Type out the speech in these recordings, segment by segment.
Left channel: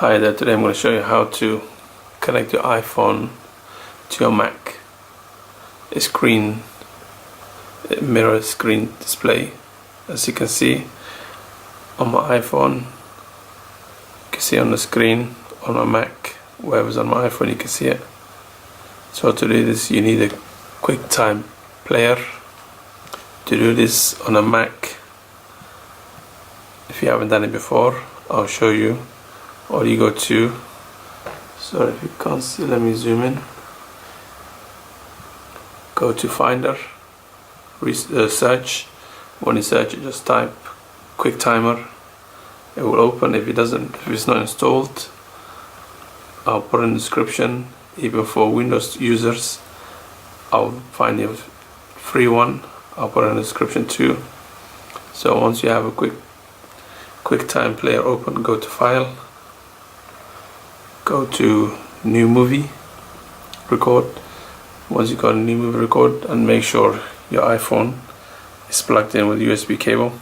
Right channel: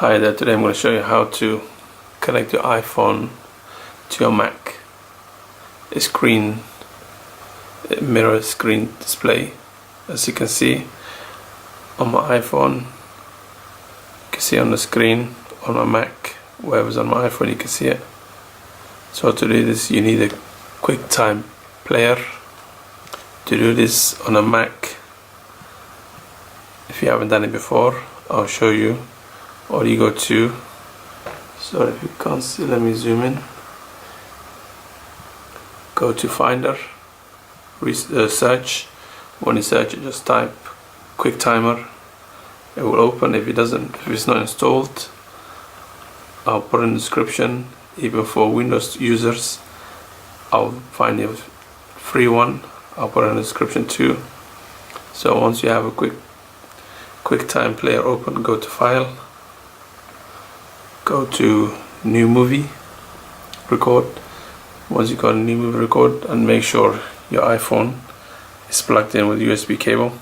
Hi there, today I'm going to show you how to connect your iPhone to your Mac. A mirror screen display. As you can see on my iPhone, you can see on the screen. On my Mac, wherever's on my iPhone, you can see it. So to do this, you need a QuickTime player. To do this on a Mac, if you haven't done it before, I'll show you. Or you go to, sorry if you can't see, let me zoom in. Go to Finder, search. When you search it, just type QuickTimer. It will open. If it's not installed, I'll put in the description. Even for Windows users, I'll find a free one. I'll put in the description too. So once you have a QuickTime player open, go to File. Go to New Movie, Record. Once you got a New Movie Record, and make sure your iPhone is plugged in with USB cable.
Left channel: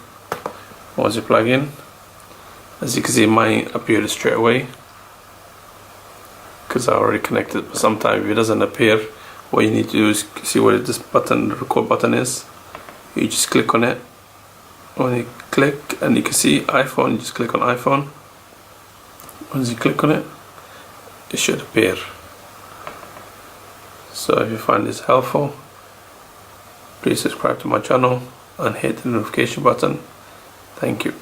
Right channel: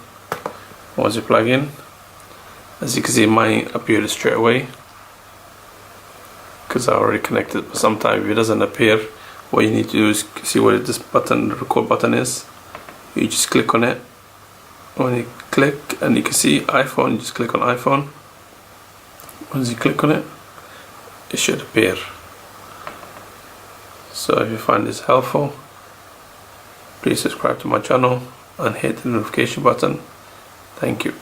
Once you plug in, as you can see, mine appeared straight away because I already connected. But sometimes if it doesn't appear, what you need to do is see where this button, the record button is. You just click on it. When you click, and you can see iPhone, you just click on iPhone. Once you click on it, it should appear. So if you find this helpful, please subscribe to my channel and hit the notification button. Thank you.